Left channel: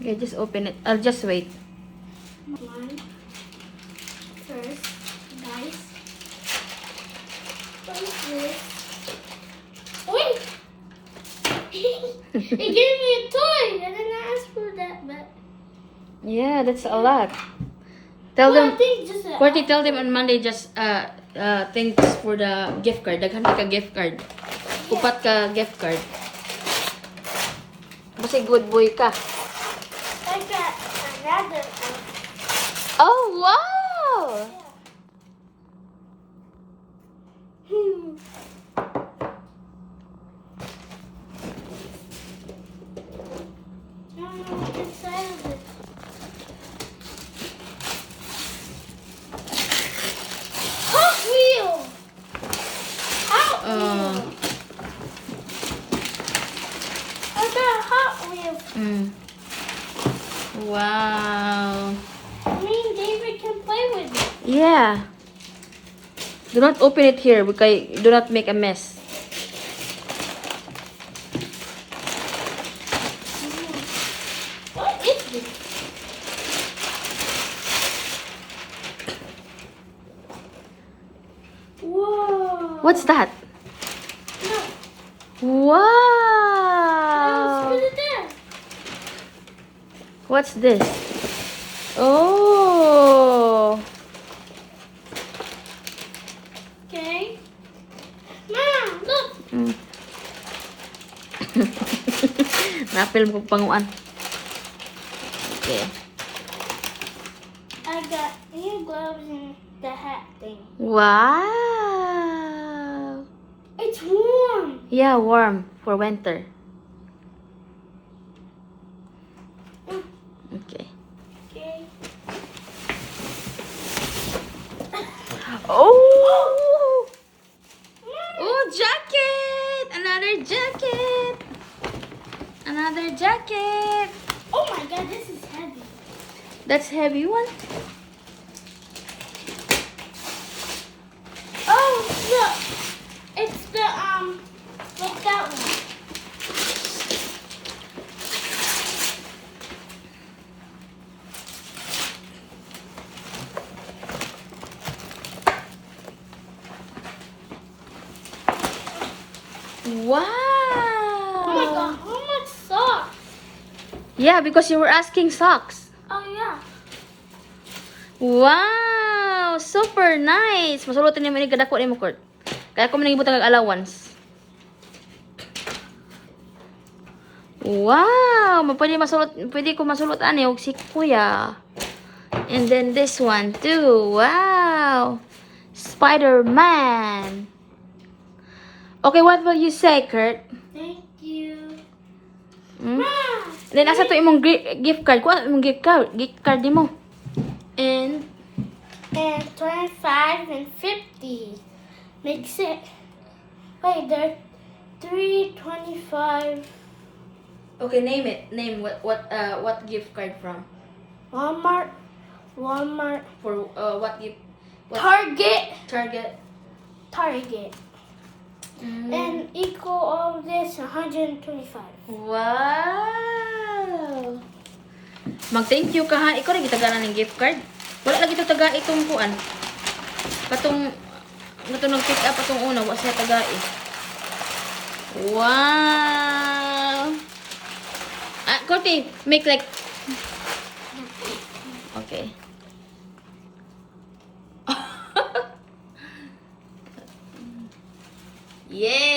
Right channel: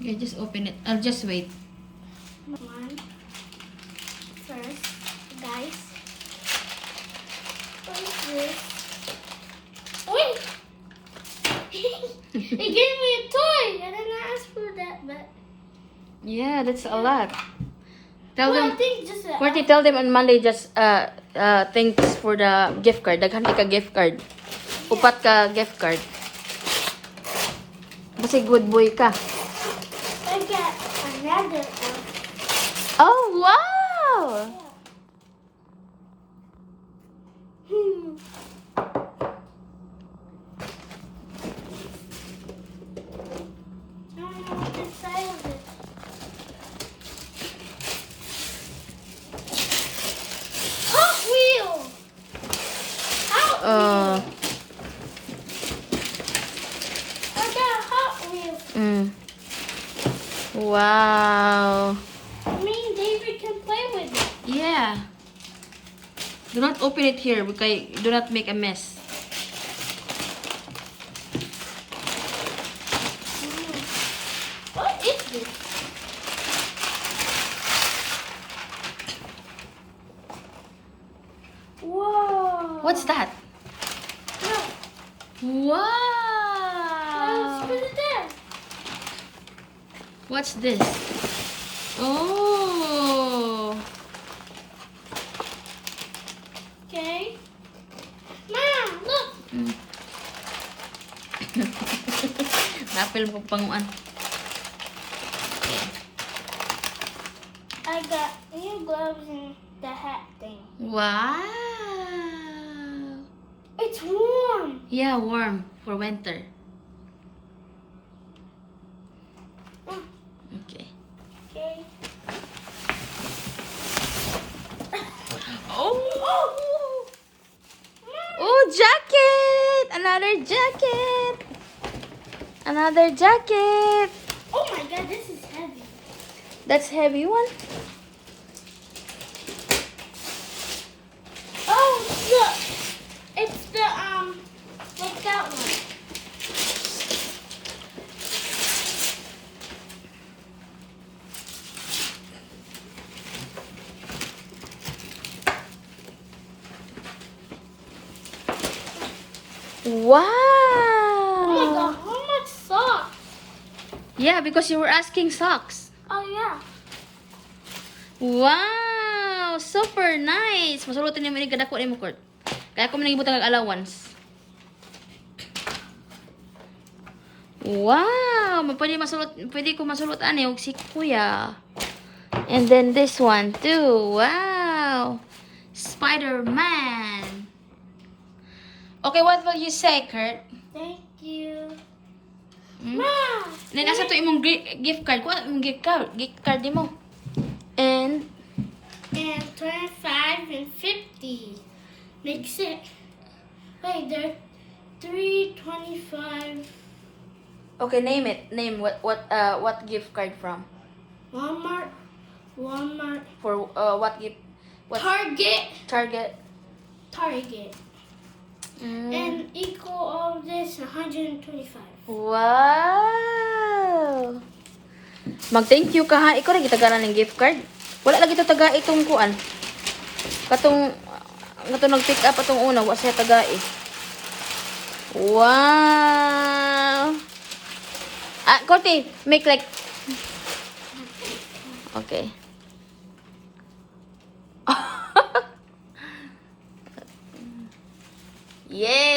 Okay, just open it. I'll just wait. One. First, guys. What is this? Wait! It gave me a toy! I didn't ask for that, but... Yeah, that's a lot. Tell Well, I them. think just a... Courtney, tell them on Monday just thanks for the gift card. Daghan ka gift card. Upat ka gift card. Kasi good boy ka. I got another. Oh, wow! Hmm. I don't know what's inside of it. Hot Wheel! Hot Wheel! What's a Hot Wheel? Wow. Me and David can play with it. Yeah. Do not open it here because do not make a mess. What is this? Whoa! What's that? Look, Wow. let's put it there. What's this? Oh. Okay. Mom, look. Na-film ko panguan. Okay. I got new gloves and the hat thing. Wow. It's warm. Yeah, warm for winter. Mm. Okay. Okay. Oh. Mom. Oh, jacket! Another jacket! Another jacket! Oh my god, this is heavy. That's heavy one. Oh, look. It's the, what's that one? Wow! Oh my god, how much socks? Yeah, because you were asking socks. Oh yeah. Wow! Super nice! Masulutan niya manig kadako ni mo, Kurt. Kaya ako manigibutang ng allowance. Wow! Pwede ko masulot ani og si Kuya. And then this one too. Wow! Spider-Man. Okay, what will you say, Kurt? Thank you. Hmm? Mom. And then asa to imong gift card? Kuha imong gift card mo. And And 25 and 50 makes it. Wait, there's 325. okay, name it. Name what gift card from? Walmart, For what gift? What Target, Target? Target, Mm. and equal all of this 125. Wow! Mag-thank you ka ha. Ikaw rin gitagalan ng gift card. Wala lagi ito taga itong kuan. Katong nag-pick up atong una. Wala siya taga eh. Wow! Ah, Courtney, make like... Okay. Yay!